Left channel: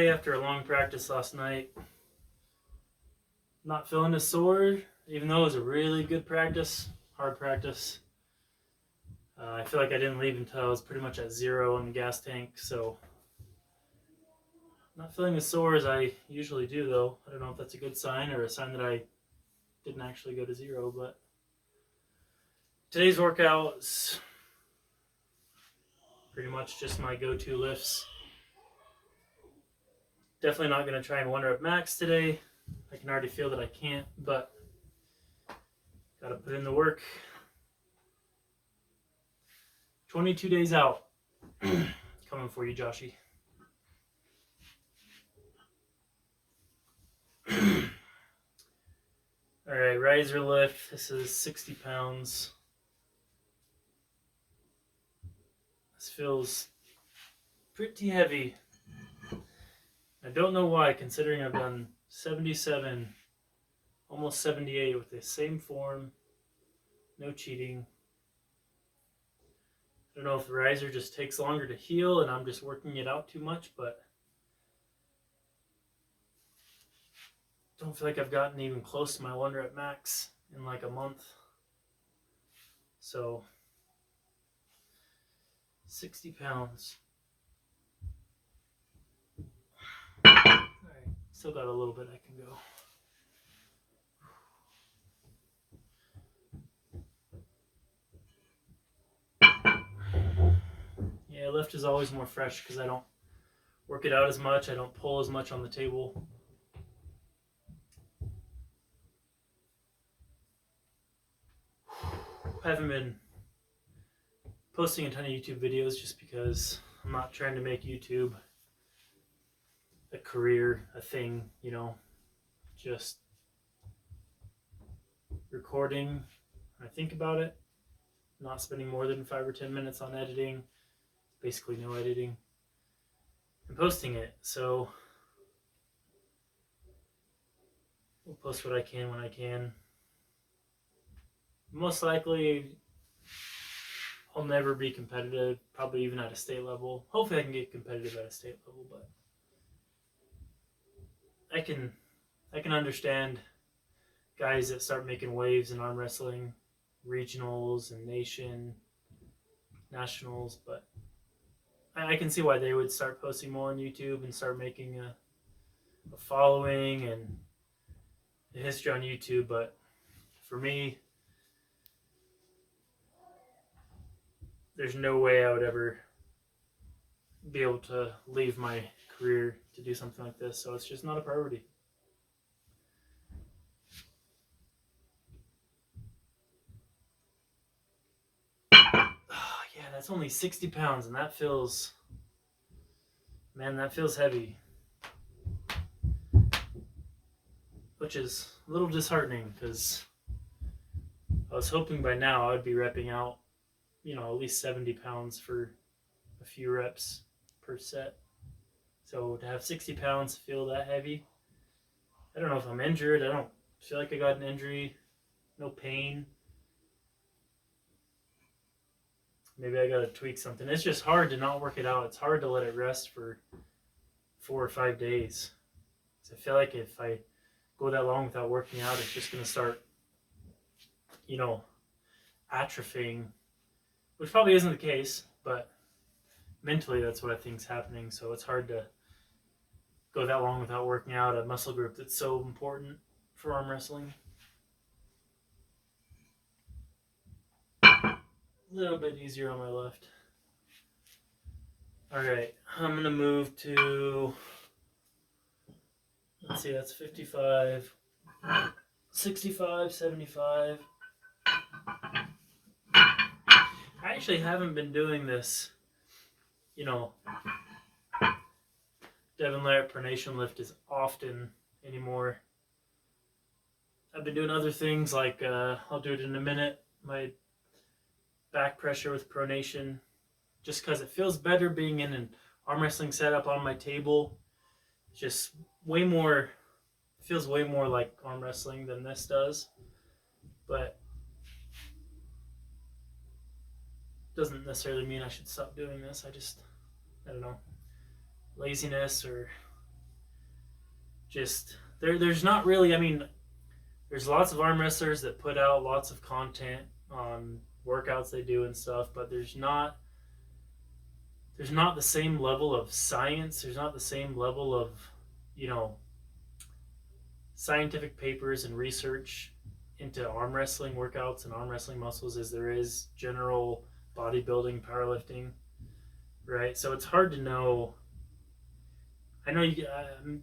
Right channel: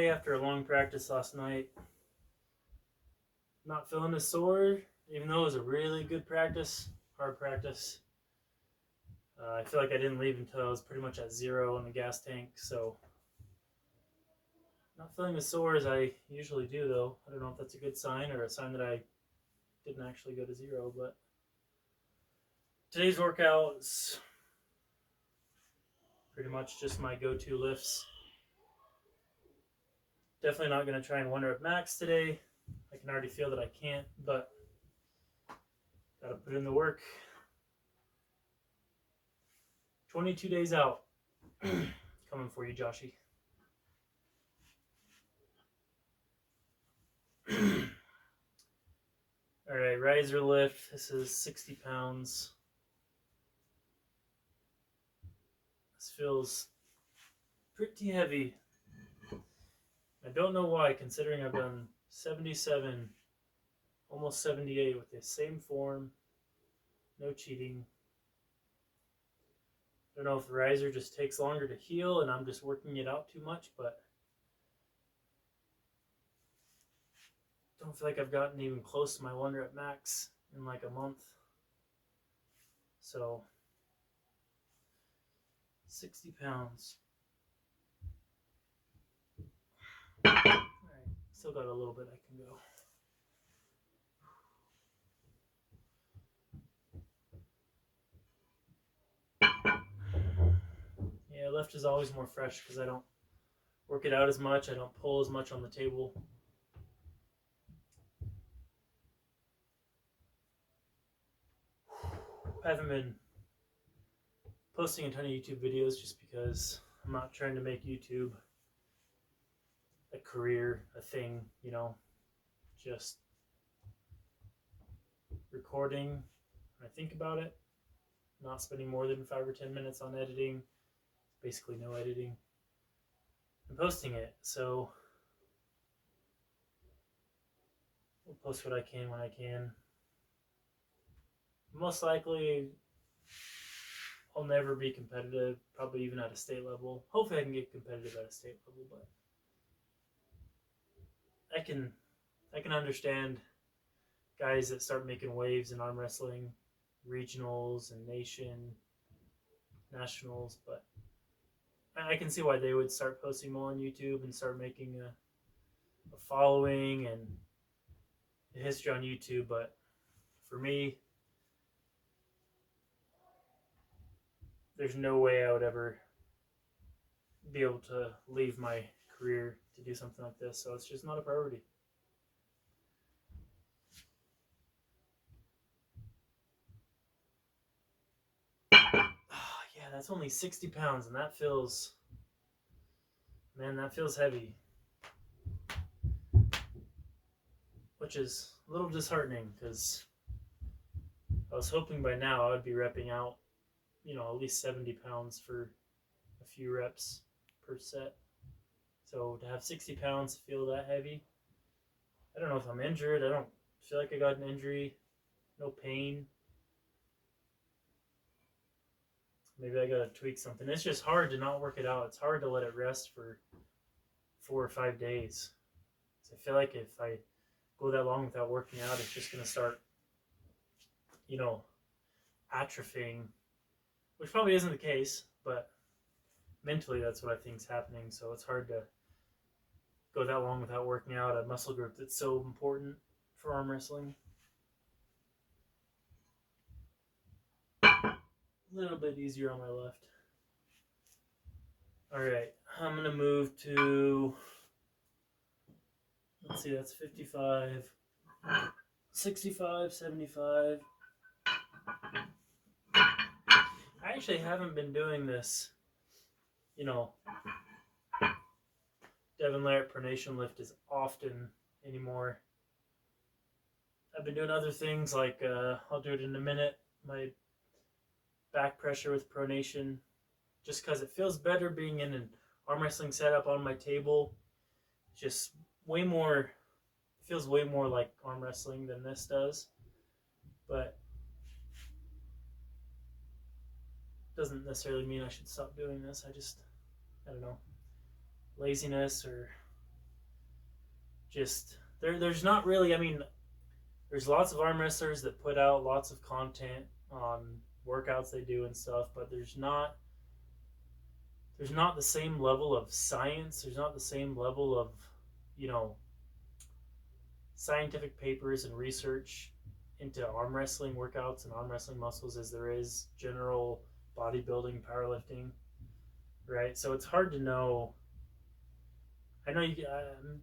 Friday after a long practice last night. Not feeling as sore, even though it was a really good practice, hard practice. I feel like I didn't leave until I was pretty much at 0 on the gas tank, so not feeling as sore as I usually do, though. I don't know if that's a good sign or a sign that I didn't actually go to 0, but today's workout's pretty much just my go-to lifts. Definitely not going to try and 1-rep max today. I can already feel that I can't, but gotta put in the work. 22 days out. Coming for you, Joshy. Alright, riser lift. This is 60 pounds. This feels pretty heavy. I don't know why, considering I've done 77, almost 78 with the same form, no cheating. I don't know if the riser just takes longer to heal and I'm just working it out too much, but I don't feel like I've gotten even close to my 1-rep max in like a month. So, 60 pounds. Alright, still got a little bit I can go. Yeah, lift is always more fresh because I don't work it out as much. I don't pull as much on the table. I haven't been posting a ton of YouTube videos just because I'm not trying to make YouTube a career, a thing, you know, just recording. I think about it, not spending more than 5 or 10 minutes on editing, basically no editing, and posting it. So we'll post what I can when I can. Most likely I'll never be competitive, probably even at a state level. Hopefully I can get competitive at a state level, but I can understand guys that start making waves in arm wrestling, regionals and nationals, but I can see why they would start posting more on YouTube and start making a following and a history on YouTube. But for me, there's no way I would ever be able to leave my career to do something like this, so it's just not a priority. Yeah, that's only 60 pounds, and that feels, man, that feels heavy. Which is a little disheartening because I was hoping by now I would be repping out, you know, at least 70 pounds for a few reps per set. So to have 60 pounds feel that heavy, I don't know if I'm injured. I don't feel like I got an injury. No pain. Maybe I gotta tweak something. It's just hard to not work it out. It's hard to let it rest for 4 or 5 days. So I feel like if I go that long without working out, it's just gonna start, you know, atrophying, which probably isn't the case, but mentally that's what I think is happening. So it's hard to go that long without working out a muscle group that's so important for arm wrestling. A little bit easier on my left. Alright, I'm going to move to, let's see, that's 55, 65, 75. I actually haven't been doing this, you know, Devin Larratt pronation lift as often anymore. I've been doing other things like, I'll do it in a minute, my back pressure with pronation, just because it feels better being in an arm wrestling setup on my table. Just way more, feels way more like arm wrestling than this does, but doesn't necessarily mean I should stop doing this. I don't know, laziness or just there's not really, I mean, there's lots of arm wrestlers that put out lots of content on workouts they do and stuff, but there's not the same level of science. There's not the same level of, you know, scientific papers and research into arm wrestling workouts and arm wrestling muscles as there is general bodybuilding, powerlifting, right? So it's hard to know. I know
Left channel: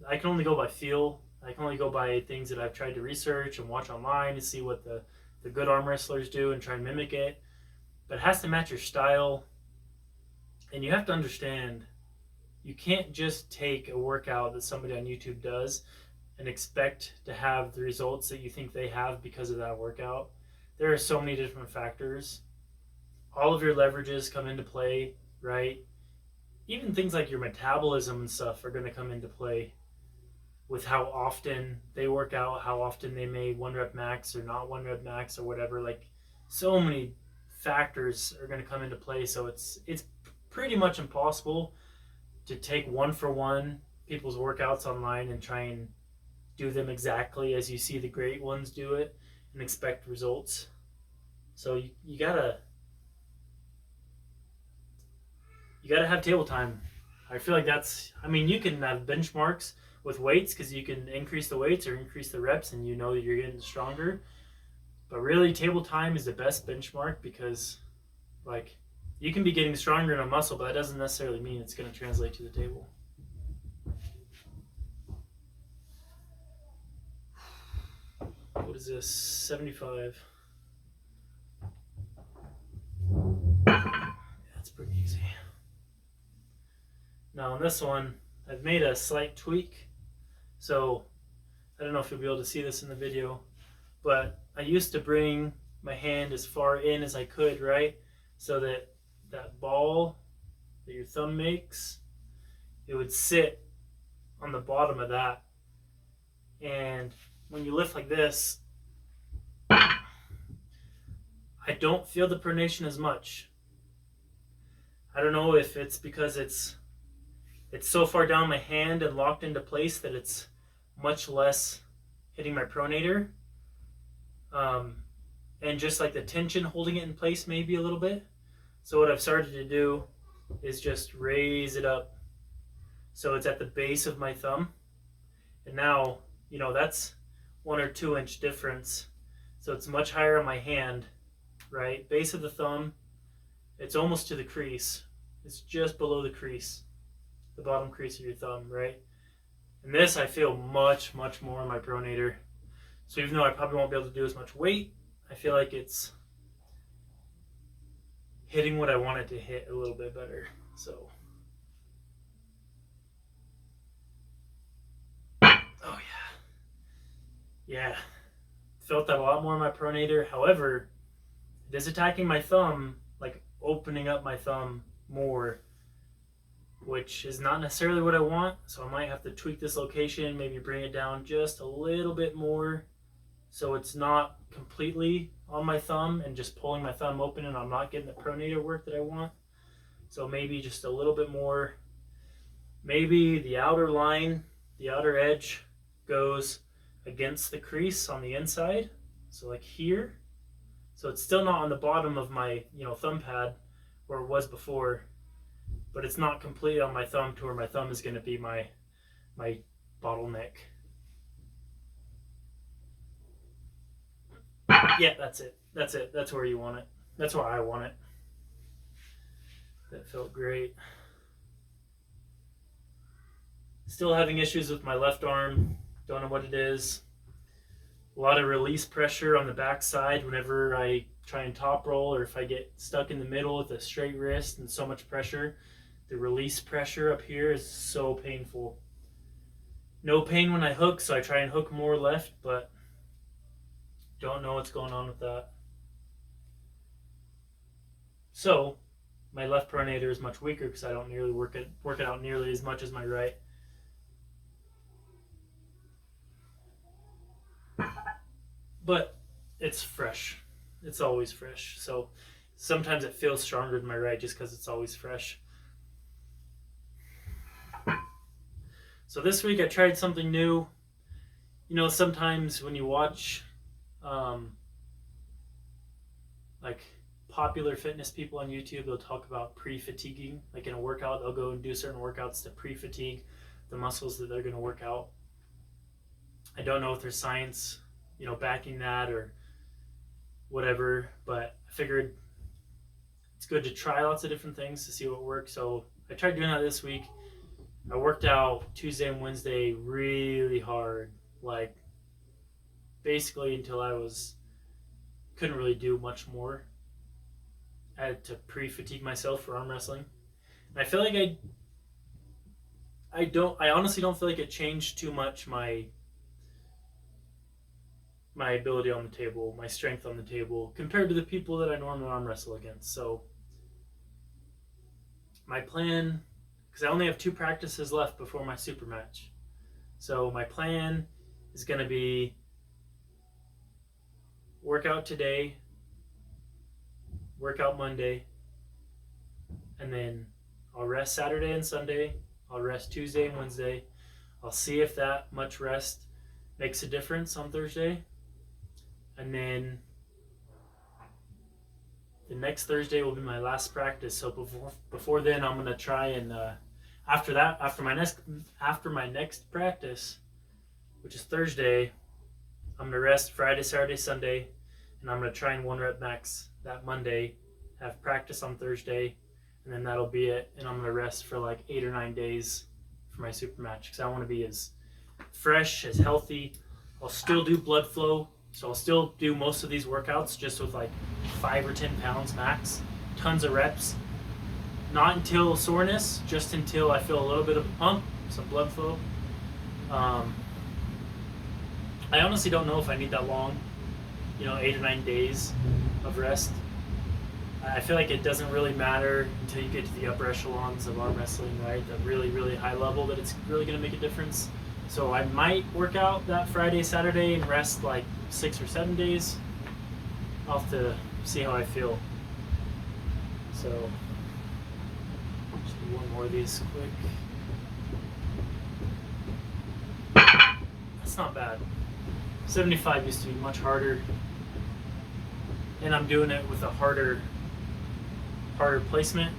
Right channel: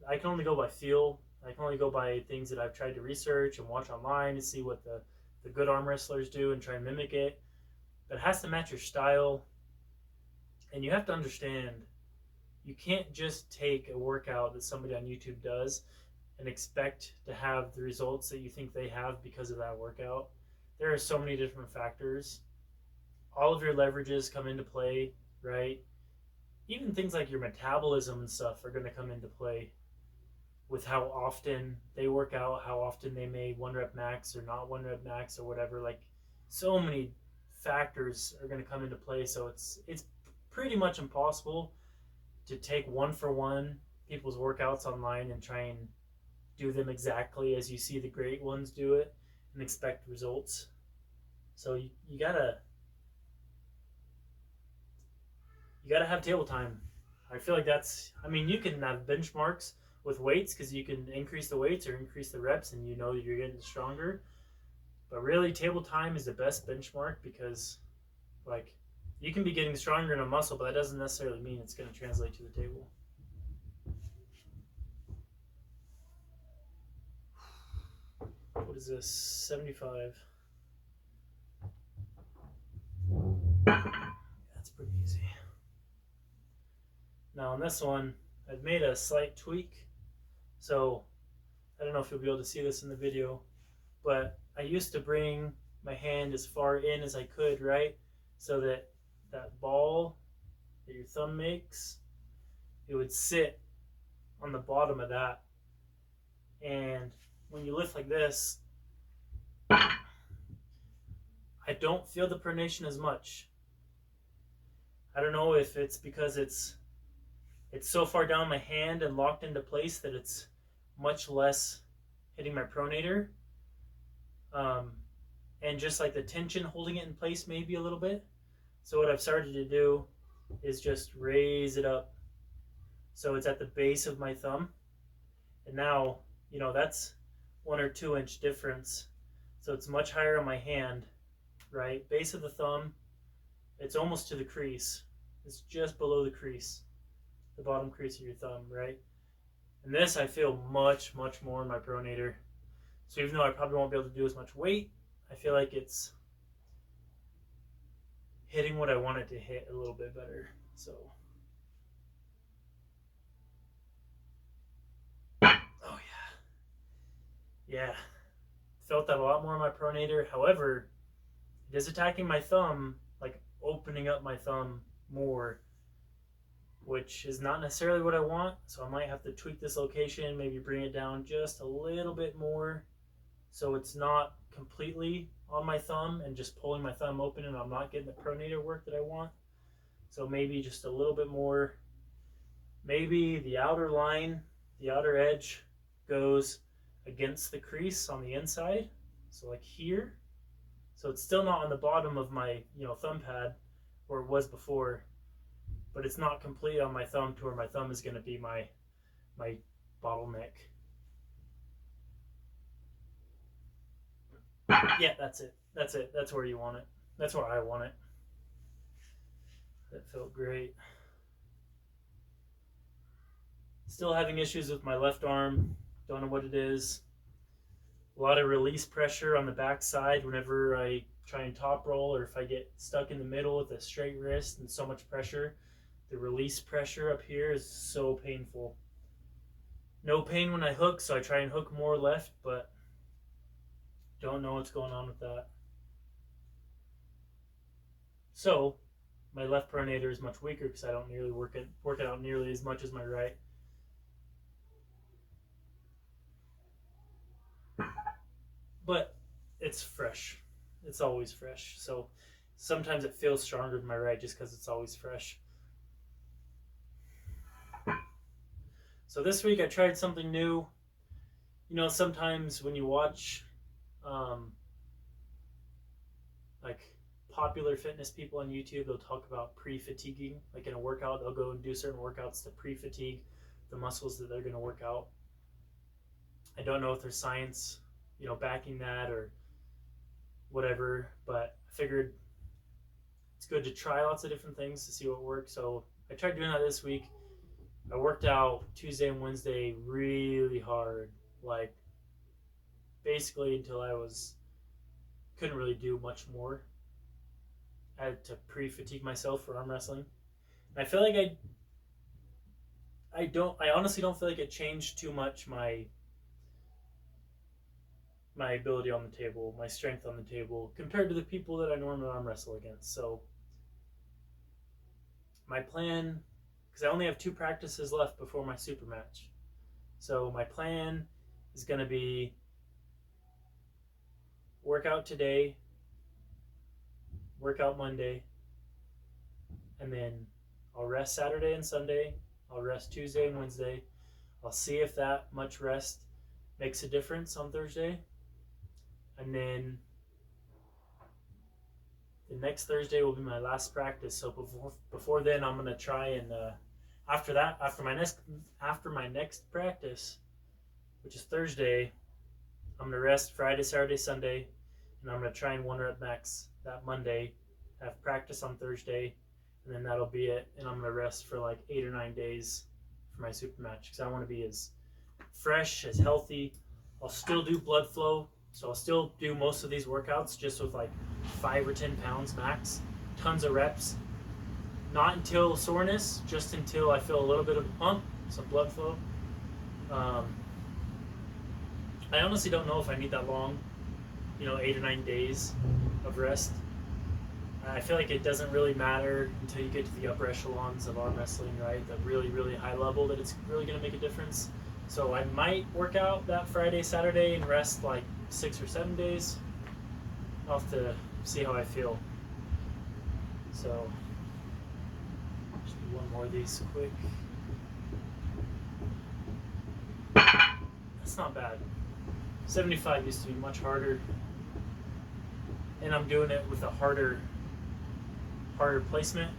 I can only go by feel. I can only go by things that I've tried to research and watch online to see what the good arm wrestlers do and try and mimic it. But it has to match your style. And you have to understand, you can't just take a workout that somebody on YouTube does and expect to have the results that you think they have because of that workout. There are so many different factors. All of your leverages come into play, right? Even things like your metabolism and stuff are going to come into play with how often they work out, how often they may one rep max or not one rep max or whatever. Like, so many factors are going to come into play. So it's pretty much impossible to take one for one people's workouts online and try and do them exactly as you see the great ones do it and expect results. So you gotta have table time. I feel like that's, I mean, you can have benchmarks with weights because you can increase the weights or increase the reps and you know that you're getting stronger. But really, table time is the best benchmark because, like, you can be getting stronger in a muscle, but that doesn't necessarily mean it's going to translate to the table. What is this? 75. That's pretty easy. Now on this one, I've made a slight tweak. So I don't know if you'll be able to see this in the video, but I used to bring my hand as far in as I could, right? So that that ball that your thumb makes, it would sit on the bottom of that. And when you lift like this, I don't feel the pronation as much. I don't know if it's because it's so far down my hand and locked into place that it's much less hitting my pronator. And just like the tension holding it in place maybe a little bit. So what I've started to do is just raise it up so it's at the base of my thumb. And now, you know, that's 1 or 2 inch difference. So it's much higher on my hand, right? Base of the thumb, it's almost to the crease. It's just below the crease, the bottom crease of your thumb, right? And this I feel much, much more in my pronator. So even though I probably won't be able to do as much weight, I feel like it's hitting what I want it to hit a little bit better. So, oh yeah, felt that a lot more in my pronator. However, it is attacking my thumb, like opening up my thumb more, which is not necessarily what I want. So I might have to tweak this location, maybe bring it down just a little bit more so it's not completely on my thumb and just pulling my thumb open and I'm not getting the pronator work that I want. So maybe just a little bit more. Maybe the outer line, the outer edge goes against the crease on the inside. So like here. So it's still not on the bottom of my, thumb pad where it was before, but it's not completely on my thumb to where my thumb is going to be my bottleneck. Yeah, that's it. That's where you want it. That's where I want it. That felt great. Still having issues with my left arm. Don't know what it is. A lot of release pressure on the back side whenever I try and top roll, or if I get stuck in the middle with a straight wrist and so much pressure. The release pressure up here is so painful. No pain when I hook, so I try and hook more left, but don't know what's going on with that. So my left pronator is much weaker because I don't nearly work it out nearly as much as my right. But it's fresh. It's always fresh. So sometimes it feels stronger than my right just because it's always fresh. So this week I tried something new. sometimes when you watch um, like popular fitness people on YouTube, they'll talk about pre-fatiguing. Like in a workout, they'll go and do certain workouts to pre-fatigue the muscles that they're going to work out. I don't know if there's science, backing that or whatever, but I figured it's good to try lots of different things to see what works. So I tried doing that this week. I worked out Tuesday and Wednesday really hard, like basically until couldn't really do much more. I had to pre-fatigue myself for arm wrestling. And I feel like I honestly don't feel like it changed too much my ability on the table, my strength on the table, compared to the people that I normally arm wrestle against. So my plan, because I only have 2 practices left before my super match. So my plan is going to be workout today, workout Monday, and then I'll rest Saturday and Sunday. I'll rest Tuesday and Wednesday. I'll see if that much rest makes a difference on Thursday. And then the next Thursday will be my last practice. So before then, I'm gonna try and after my next practice, which is Thursday, I'm gonna rest Friday, Saturday, Sunday, and I'm gonna try and 1 rep max that Monday. Have practice on Thursday, and then that'll be it. And I'm gonna rest for like 8 or 9 days for my super match because I want to be as fresh, as healthy. I'll still do blood flow. So I'll still do most of these workouts just with like 5 or 10 pounds max, tons of reps. Not until soreness, just until I feel a little bit of a pump, some blood flow. I honestly don't know if I need that long, 8 or 9 days of rest. I feel like it doesn't really matter until you get to the upper echelons of arm wrestling, right? The really, really high level that it's really going to make a difference. So I might work out that Friday, Saturday, and rest like 6 or 7 days. I'll have to see how I feel. So, just do one more of these quick. That's not bad. 75 used to be much harder. And I'm doing it with a harder placement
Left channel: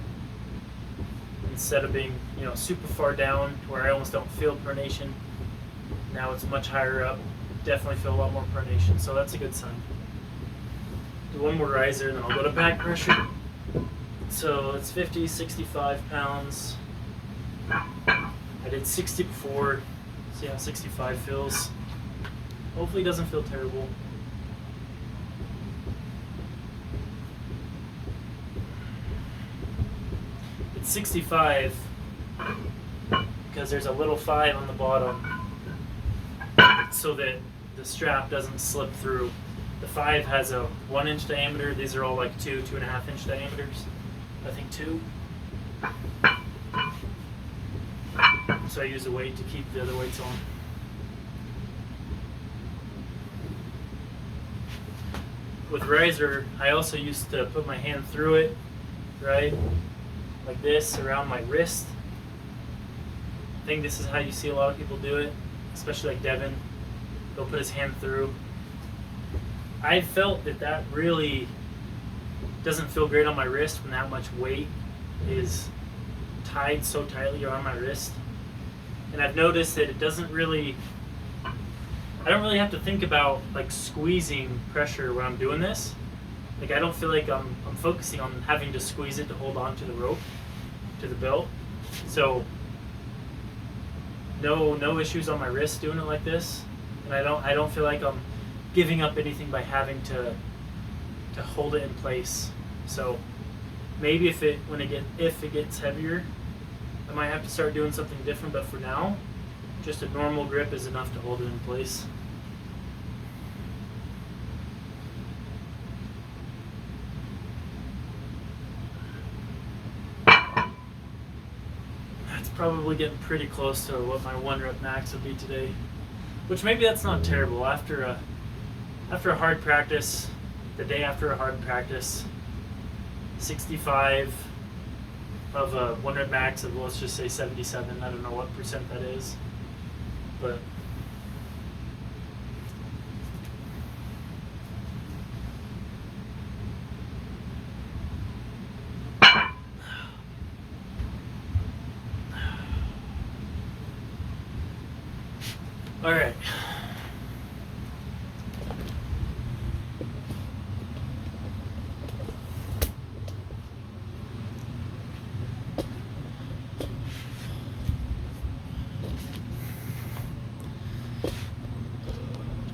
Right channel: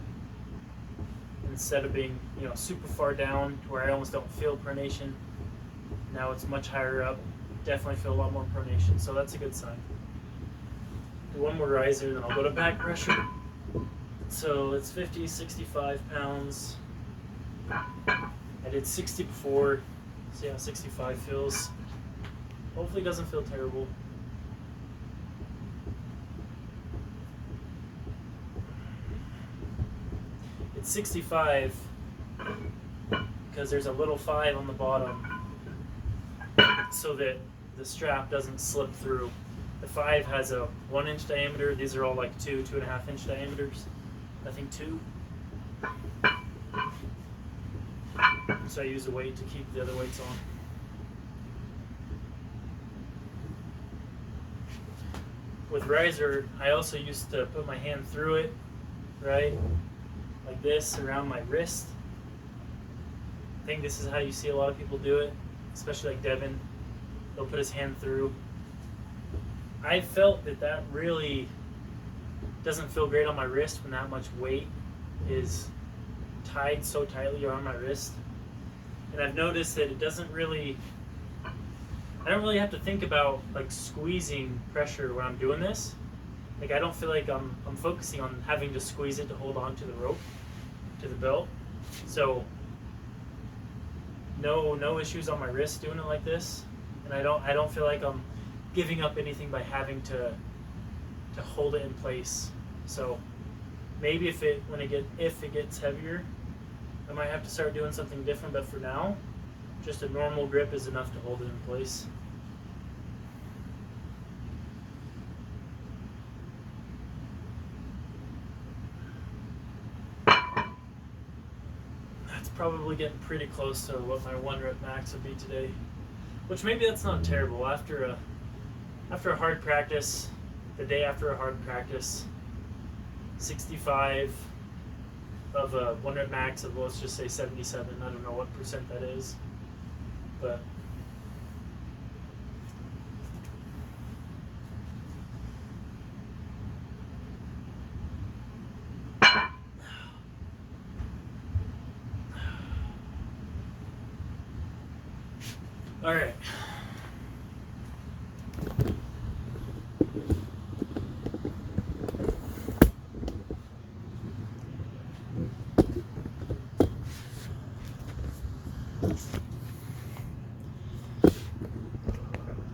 instead of being, super far down to where I almost don't feel pronation. Now it's much higher up. Definitely feel a lot more pronation, so that's a good sign. Do one more riser, and then I'll go to back pressure. So it's 50, 65 pounds. I did 60 before. See how 65 feels. Hopefully it doesn't feel terrible. It's 65 because there's a little 5 on the bottom so that the strap doesn't slip through. The 5 has a 1-inch diameter. These are all like 2.5-inch diameters. I think 2. So I use a weight to keep the other weights on. With riser, I also used to put my hand through it, right? Like this, around my wrist. I think this is how you see a lot of people do it, especially like Devin. He'll put his hand through. I felt that really doesn't feel great on my wrist when that much weight is tied so tightly around my wrist. And I've noticed that it doesn't really, I don't really have to think about like squeezing pressure when I'm doing this. Like I don't feel like I'm focusing on having to squeeze it to hold on to the rope, to the belt. So no issues on my wrist doing it like this. And I don't feel like I'm giving up anything by having to hold it in place. So maybe if it gets heavier, I might have to start doing something different, but for now, just a normal grip is enough to hold it in place. That's probably getting pretty close to what my 1 rep max would be today, which maybe that's not terrible. After a hard practice, the day after a hard practice, 65 of a 1 rep max of, let's just say 77. I don't know what percent that is, but All right.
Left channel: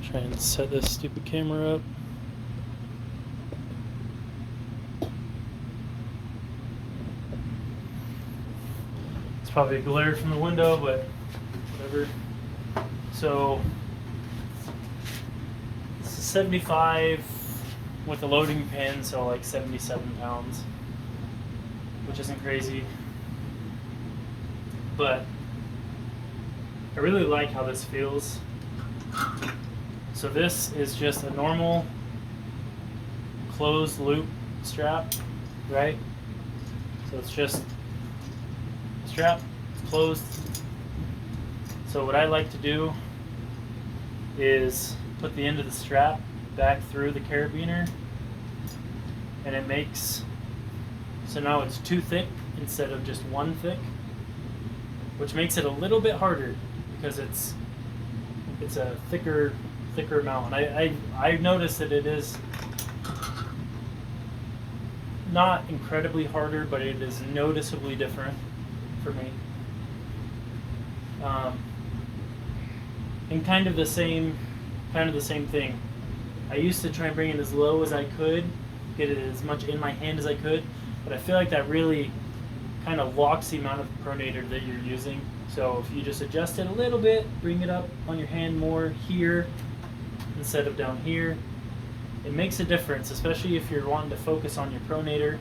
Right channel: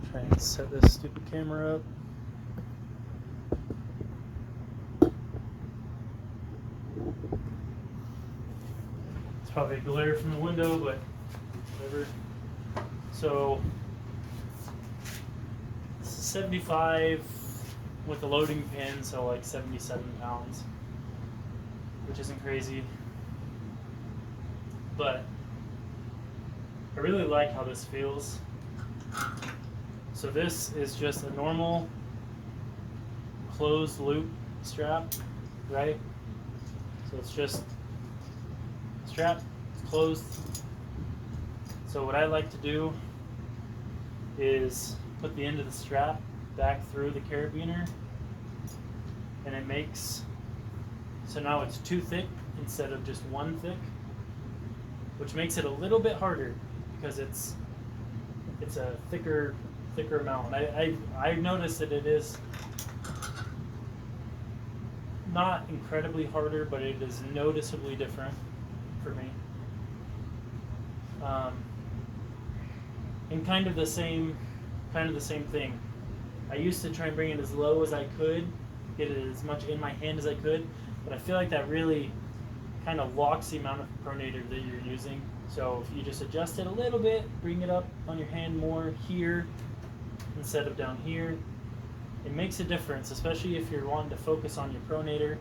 Try and set this stupid camera up. It's probably a glare from the window, but whatever. So 75 with a loading pin, so like 77 pounds, which isn't crazy. But I really like how this feels. So this is just a normal closed loop strap, right? So it's just a strap, it's closed. So what I like to do is put the end of the strap back through the carabiner, and it makes, so now it's 2 thick instead of just 1 thick, which makes it a little bit harder because it's a thicker amount. I've noticed that it is not incredibly harder, but it is noticeably different for me. And kind of the same thing. I used to try and bring it as low as I could, get it as much in my hand as I could, but I feel like that really kind of locks the amount of pronator that you're using. So if you just adjust it a little bit, bring it up on your hand more here instead of down here, it makes a difference, especially if you're wanting to focus on your pronator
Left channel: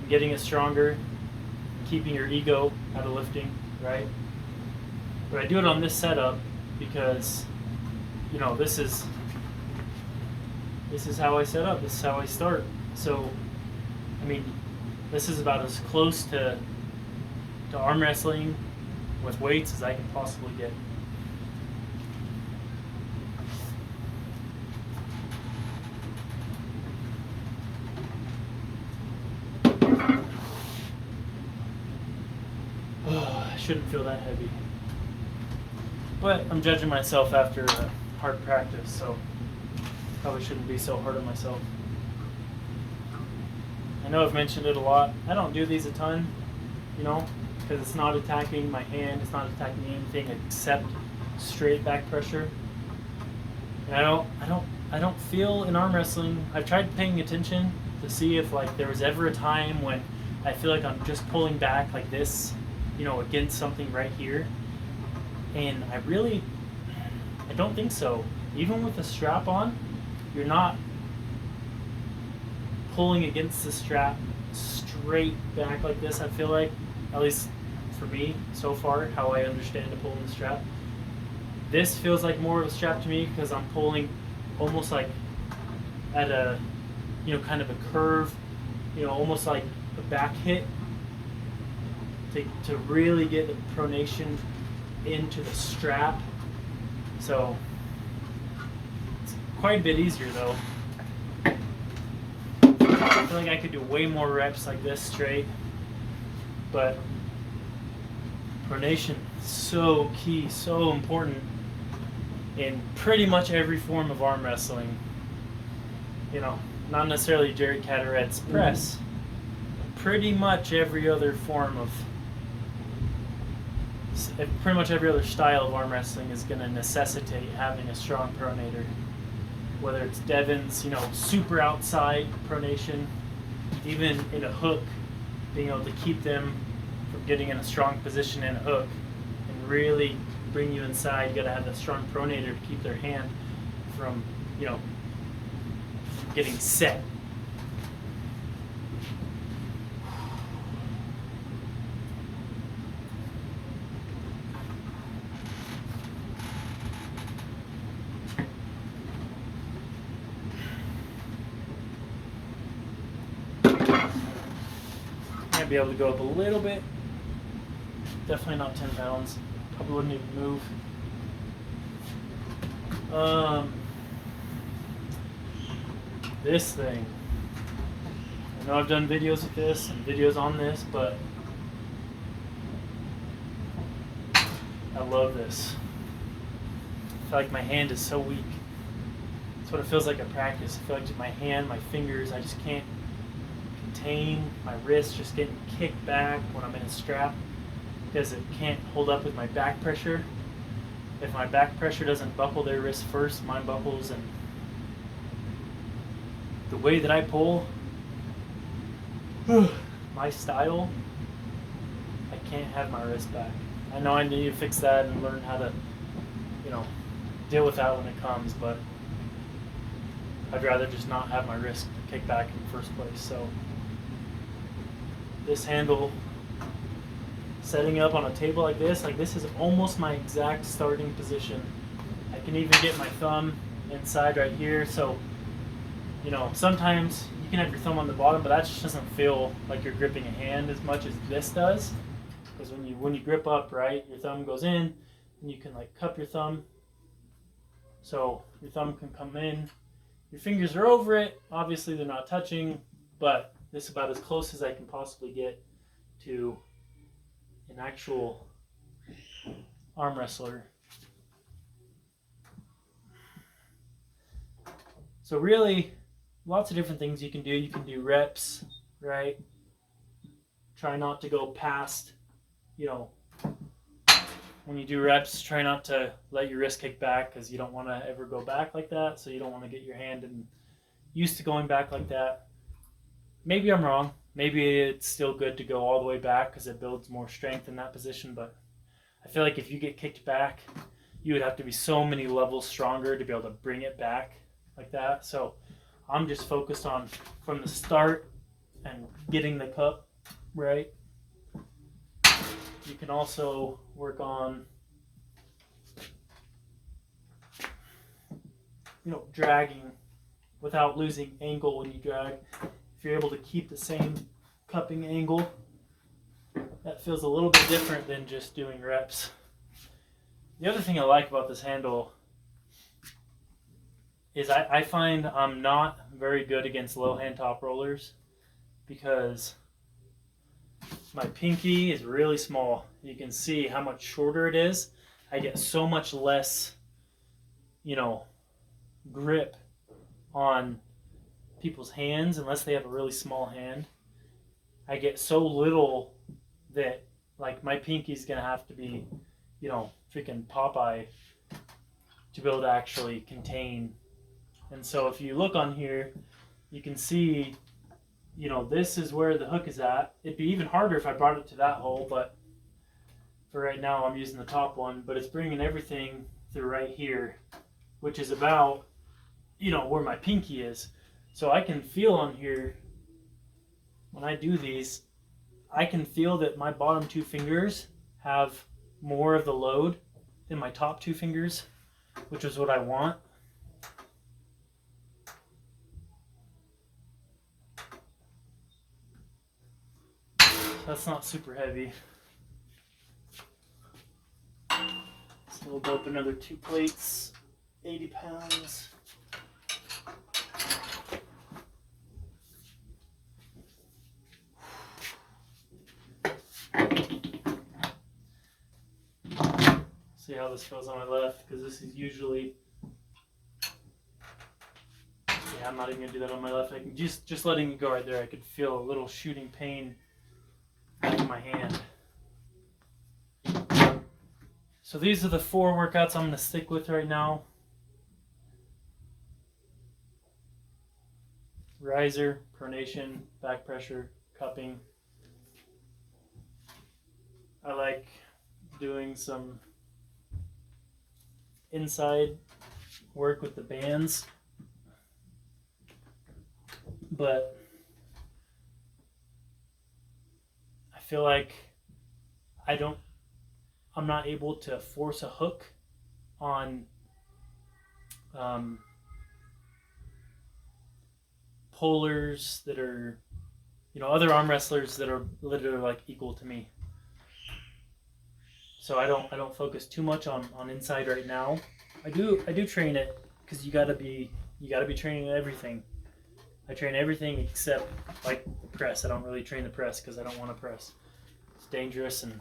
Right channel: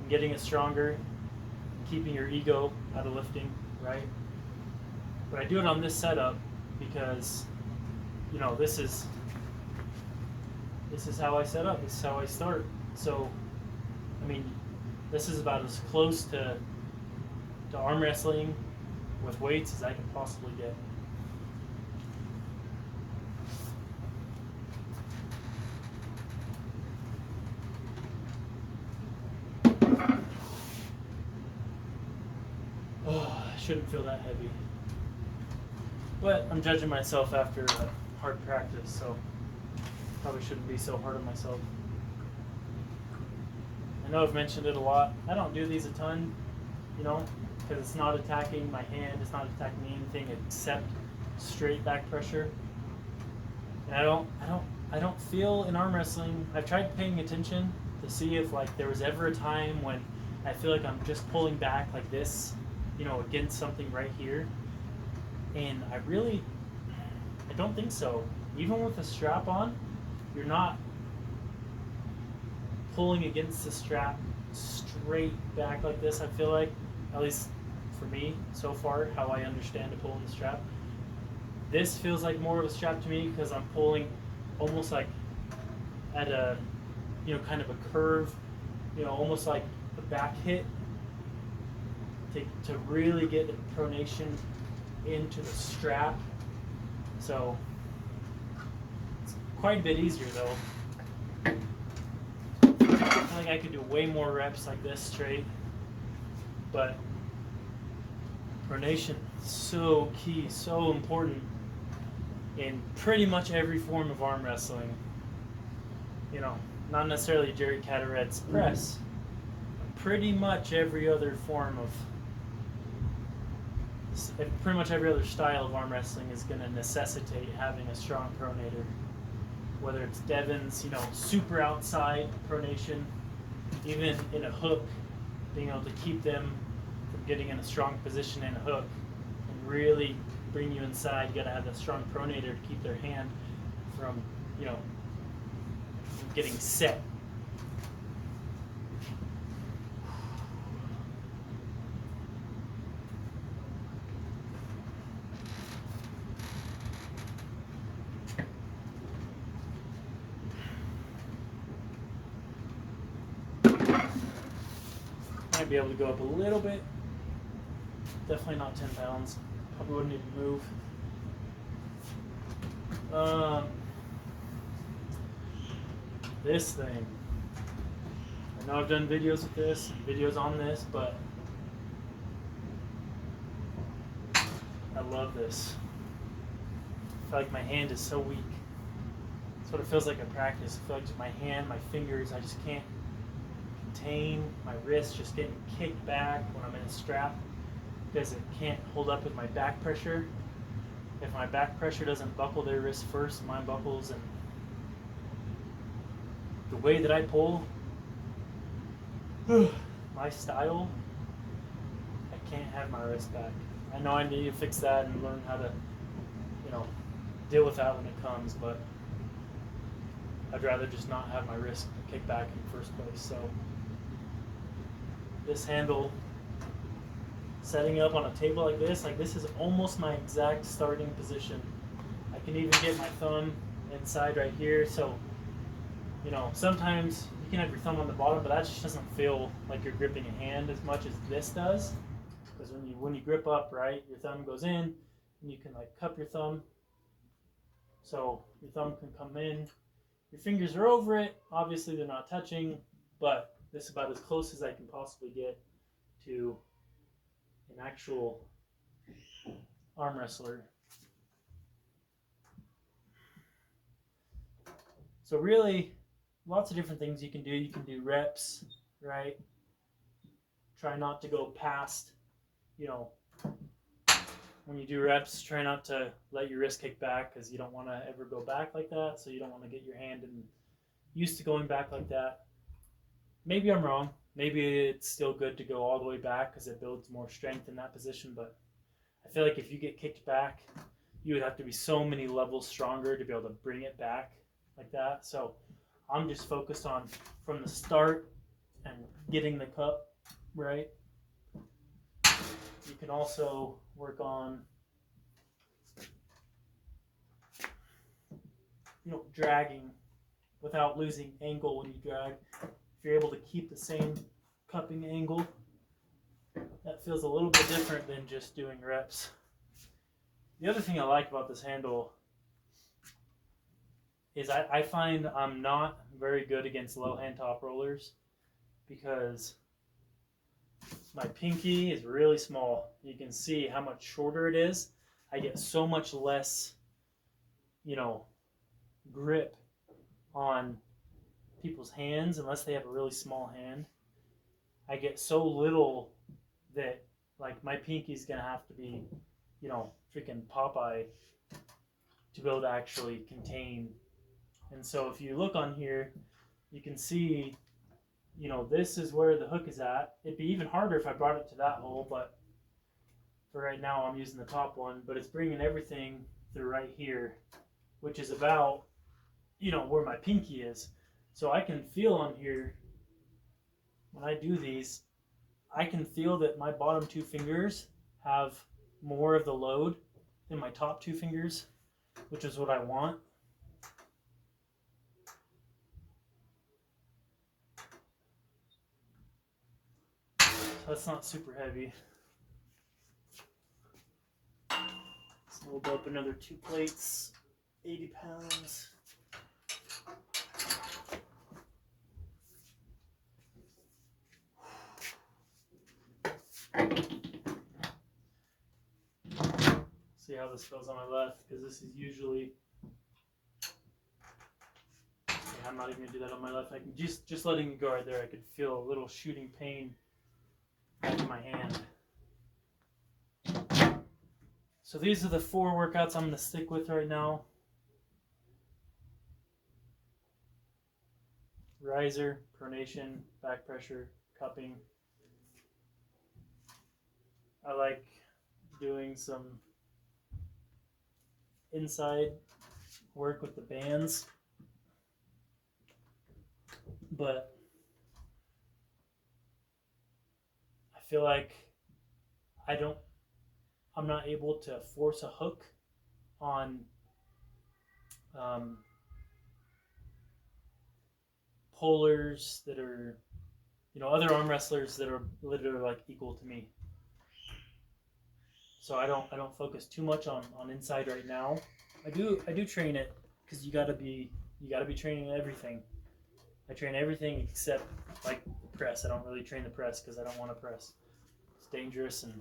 and getting it stronger, keeping your ego out of lifting, right? But I do it on this setup because, you know, this is how I set up, this is how I start. So, I mean, this is about as close to arm wrestling with weights as I can possibly get. I shouldn't feel that heavy. But I'm judging myself after a hard practice, so probably shouldn't be so hard on myself. I know I've mentioned it a lot. I don't do these a ton, you know, because it's not attacking my hand, it's not attacking anything except straight back pressure. And I don't feel in arm wrestling. I've tried paying attention to see if like there was ever a time when I feel like I'm just pulling back like this, you know, against something right here. And I don't think so. Even with the strap on, you're not pulling against the strap straight back like this. I feel like, at least for me so far, how I understand to pull in the strap. This feels like more of a strap to me because I'm pulling almost like at a, you know, kind of a curve, you know, almost like a back hit to really get the pronation into the strap. So it's quite a bit easier though. I feel like I could do way more reps like this straight, but pronation is so key, so important in pretty much every form of arm wrestling. You know, not necessarily Jerry Cataret's press, pretty much every other form of, pretty much every other style of arm wrestling is going to necessitate having a strong pronator. Whether it's Devin's, you know, super outside pronation, even in a hook, being able to keep them from getting in a strong position in a hook and really bring you inside. You got to have that strong pronator to keep their hand from, you know, getting set. Might be able to go up a little bit. Definitely not 10 pounds. Probably wouldn't even move. This thing. I know I've done videos with this and videos on this, but I love this. feel like my hand is so weak. That's what it feels like at practice. I feel like my hand, my fingers, I just can't contain. My wrist just getting kicked back when I'm in a strap because it can't hold up with my back pressure. If my back pressure doesn't buckle their wrist first, mine buckles, and the way that I pull, my style, I can't have my wrist back. I know I need to fix that and learn how to, deal with that when it comes, but I'd rather just not have my wrist kicked back in the first place. So this handle, setting up on a table like this is almost my exact starting position. I can even get my thumb inside right here. So, sometimes you can have your thumb on the bottom, but that just doesn't feel like you're gripping a hand as much as this does. Because when you grip up, right, your thumb goes in, and you can like cup your thumb. So your thumb can come in. Your fingers are over it. Obviously, they're not touching, but this is about as close as I can possibly get to an actual arm wrestler. So really, lots of different things you can do. You can do reps, right? Try not to go past, when you do reps, try not to let your wrist kick back because you don't want to ever go back like that. So you don't want to get your hand used to going back like that. Maybe I'm wrong. Maybe it's still good to go all the way back because it builds more strength in that position. But I feel like if you get kicked back, you would have to be so many levels stronger to be able to bring it back like that. So I'm just focused on from the start and getting the cup right. You can also work on, dragging without losing angle when you drag. If you're able to keep the same cupping angle, that feels a little bit different than just doing reps. The other thing I like about this handle is I find I'm not very good against low hand top rollers because my pinky is really small. You can see how much shorter it is. I get so much less, grip on people's hands unless they have a really small hand. I get so little that, like, my pinky's gonna have to be, freaking Popeye to be able to actually contain. And so if you look on here, you can see, this is where the hook is at. It'd be even harder if I brought it to that hole, but for right now I'm using the top one. But it's bringing everything through right here, which is about, where my pinky is. So I can feel on here, when I do these, I can feel that my bottom two fingers have more of the load than my top two fingers, which is what I want. That's not super heavy. So we'll go up another 2 plates, 80 pounds. See how this feels on my left, because this is usually, I'm not even gonna do that on my left. I can just letting it go right there, I could feel a little shooting pain in my hand. So these are the 4 workouts I'm gonna stick with right now. Riser, pronation, back pressure, cupping. I like doing some inside work with the bands, but I feel like I'm not able to force a hook on pullers that are, other arm wrestlers that are literally like equal to me. So I don't focus too much on inside right now. I do train it because you gotta be training everything. I train everything except like the press. I don't really train the press because I don't want to press. It's dangerous and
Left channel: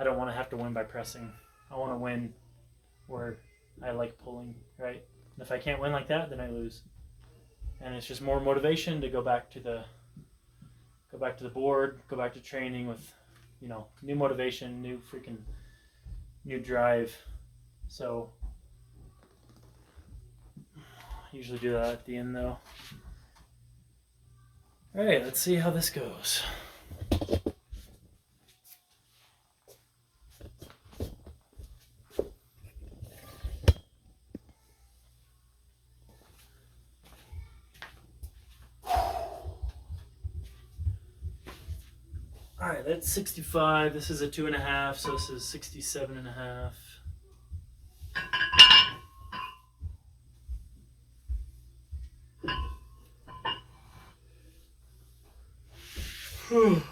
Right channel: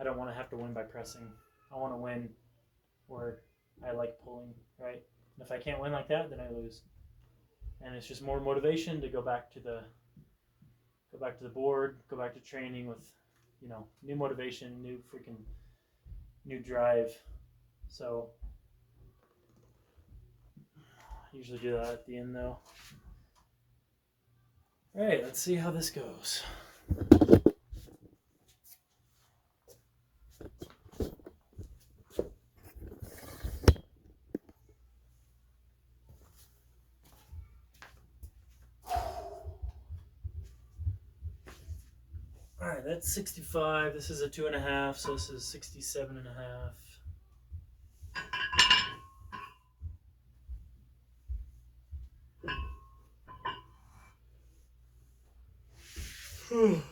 I don't want to have to win by pressing. I want to win where I like pulling, right? And if I can't win like that, then I lose. And it's just more motivation to go back to the board, go back to training with, you know, new motivation, new drive. So I usually do that at the end though. All right, let's see how this goes. All right, that's 65. This is a 2.5, so this is 67.5. Whew.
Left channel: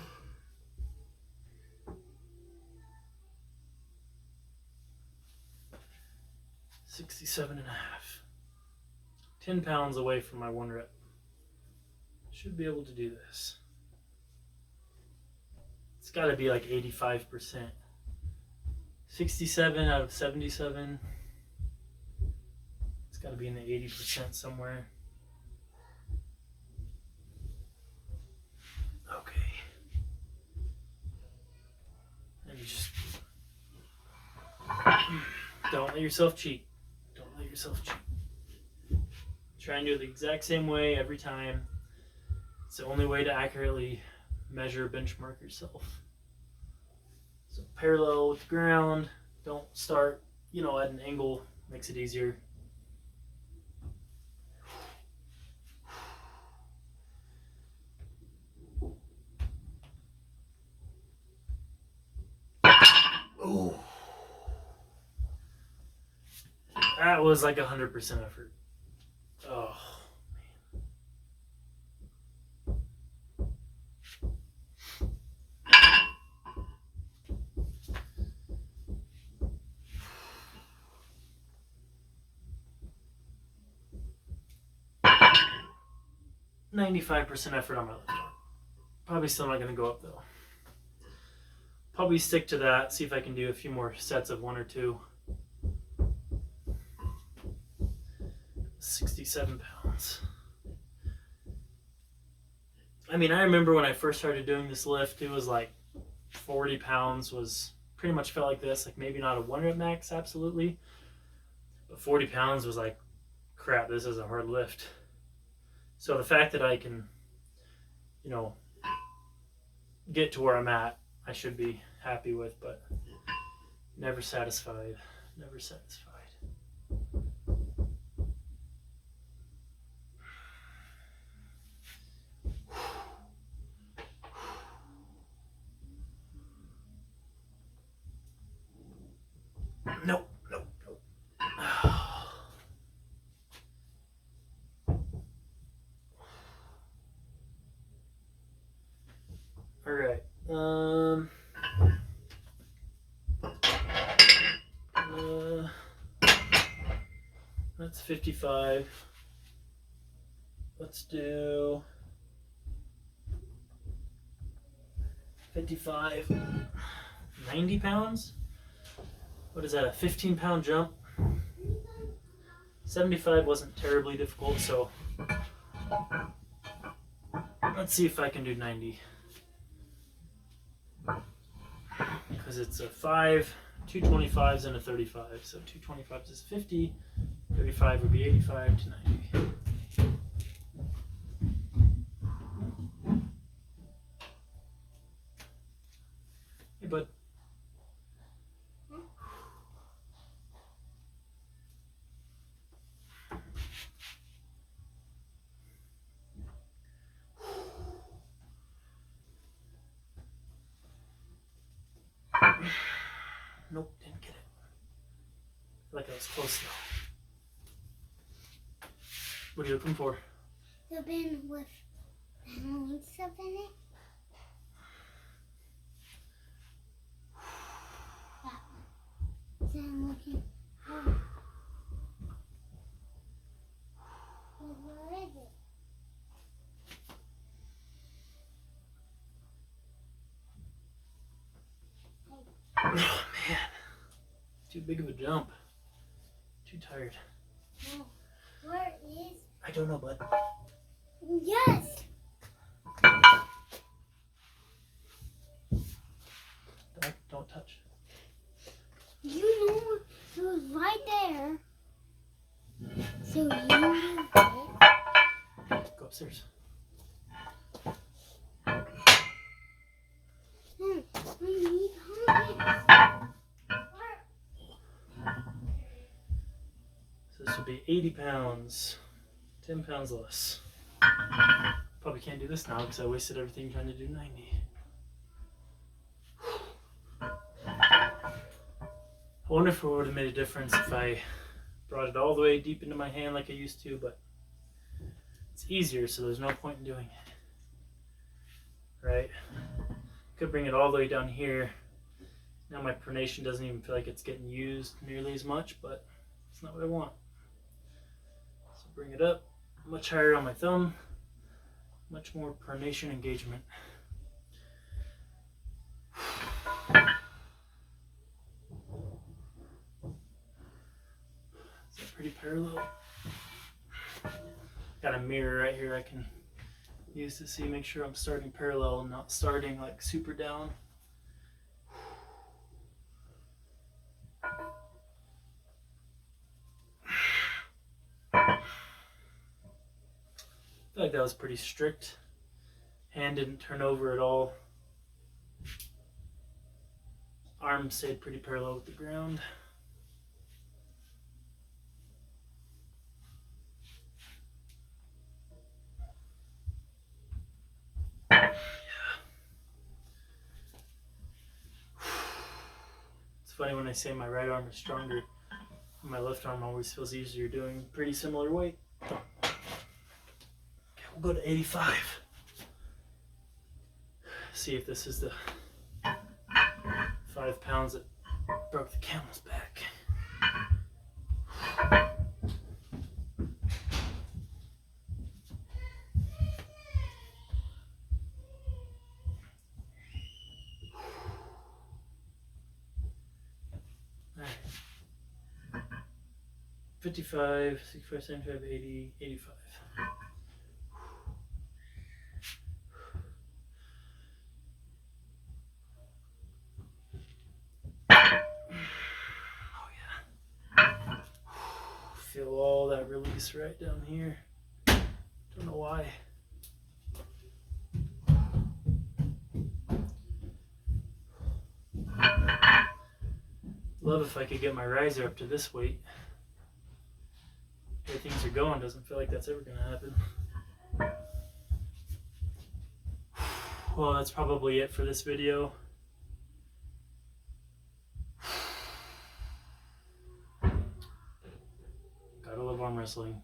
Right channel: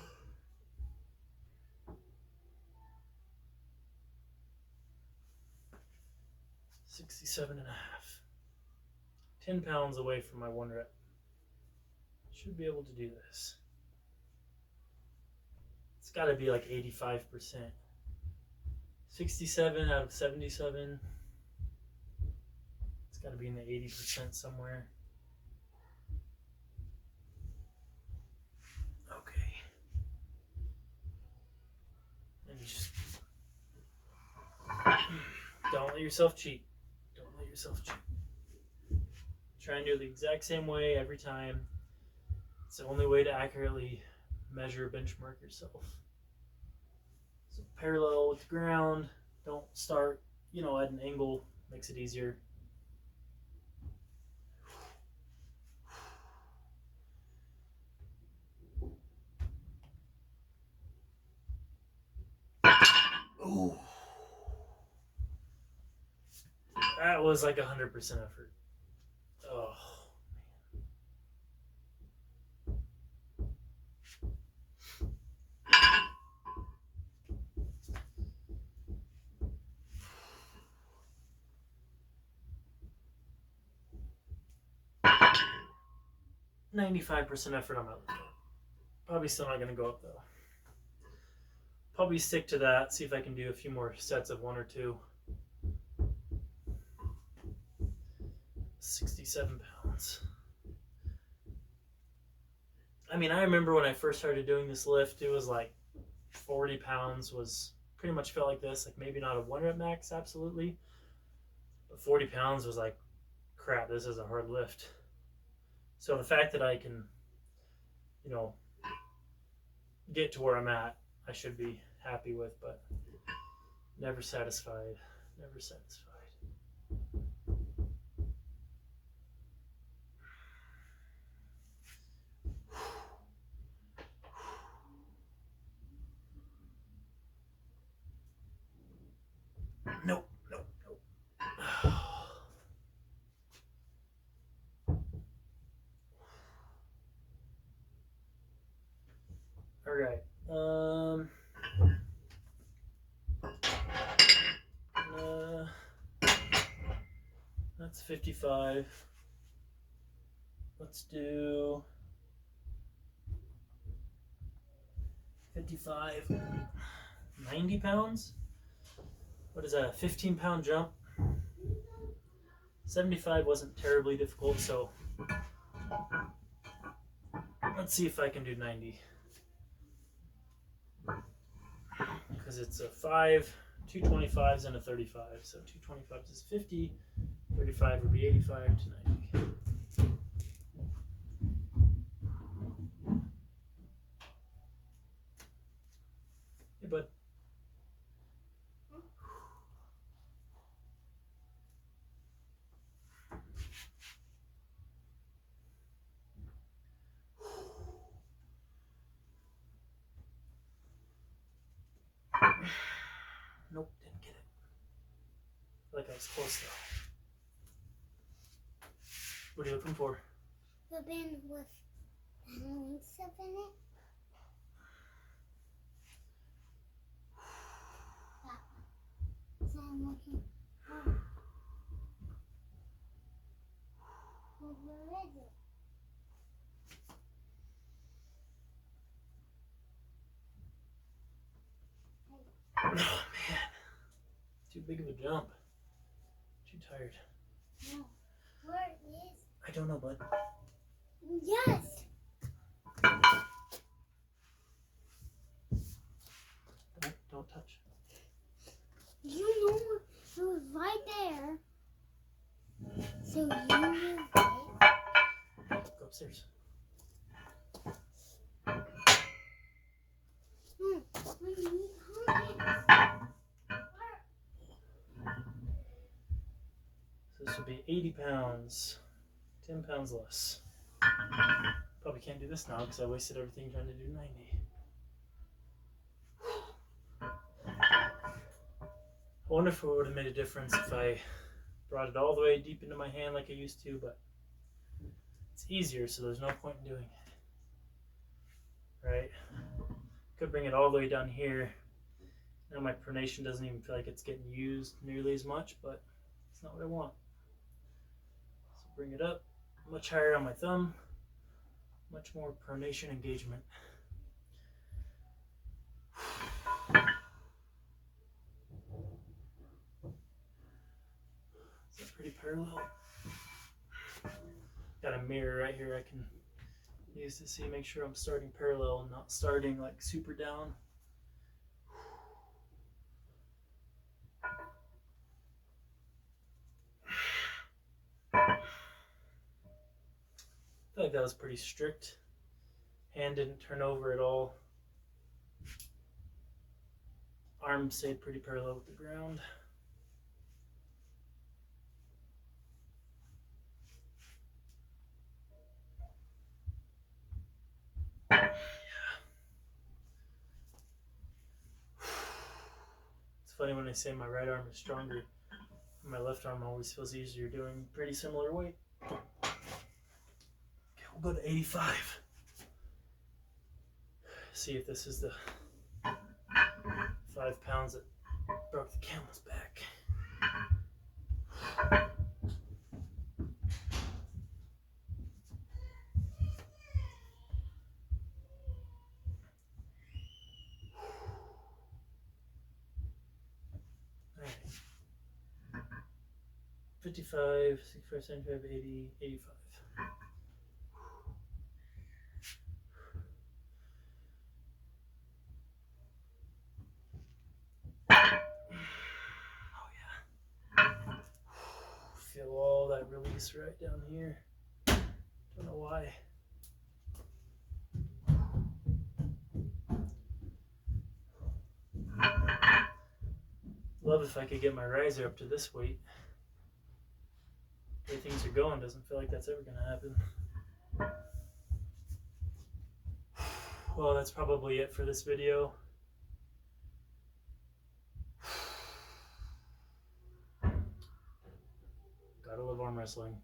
67.5. 10 pounds away from my 1 rep. Should be able to do this. It's got to be like 85%. 67 out of 77. It's got to be in the 80% somewhere. Okay. And you just don't let yourself cheat. Don't let yourself cheat. Try and do it the exact same way every time. It's the only way to accurately measure, benchmark yourself. So parallel with the ground. Don't start, you know, at an angle. Makes it easier. Ooh. That was like 100% effort. Oh. 95% effort on my left arm. Probably still not going to go up though. Probably stick to that. See if I can do a few more sets of 1 or 2. 67 pounds. I mean, I remember when I first started doing this lift, it was like 40 pounds was pretty much felt like this. Like maybe not a 1 rep max, absolutely. But 40 pounds was like, crap, this is a hard lift. So the fact that I can, you know, get to where I'm at, I should be happy with, but never satisfied. Never satisfied. Nope, nope, nope. All right. That's 55. Let's do 55. 90 pounds? What is that, a 15-pound jump? 75 wasn't terribly difficult, so let's see if I can do 90. Because it's a 5, 2 25s, and a 35. So 2 25s is 50, 35 would be 85 to 90. Hey, bud. Nope, didn't get it. I feel like I was close though. What are you looking for? The bin with Halloween stuff in it. That one. So I'm looking for. Where is it? Oh man, too big of a jump. Too tired. No. Where is? I don't know, bud. Yes. Don't touch. You know it was right there. So you knew it. Go upstairs. I need hundreds. So this would be 80 pounds. 10 pounds less. Probably can't do this now because I wasted everything trying to do 90. I wonder if it would have made a difference if I brought it all the way deep into my hand like I used to, but it's easier, so there's no point in doing it. Right? Could bring it all the way down here. Now my pronation doesn't even feel like it's getting used nearly as much, but it's not what I want. So bring it up much higher on my thumb, much more pronation engagement. Is that pretty parallel? Got a mirror right here I can use to see, make sure I'm starting parallel and not starting like super down. I feel like that was pretty strict. Hand didn't turn over at all. Arm stayed pretty parallel with the ground. Yeah. It's funny when I say my right arm is stronger, my left arm always feels easier doing pretty similar weight. Okay, we'll go to 85. See if this is the 5 pounds that broke the camel's back. Alright. 55, 65, 75, 80, 85. Feel all that release right down here. Don't know why. Love if I could get my riser up to this weight. The way things are going, doesn't feel like that's ever going to happen. Well, that's probably it for this video. Gotta love arm wrestling.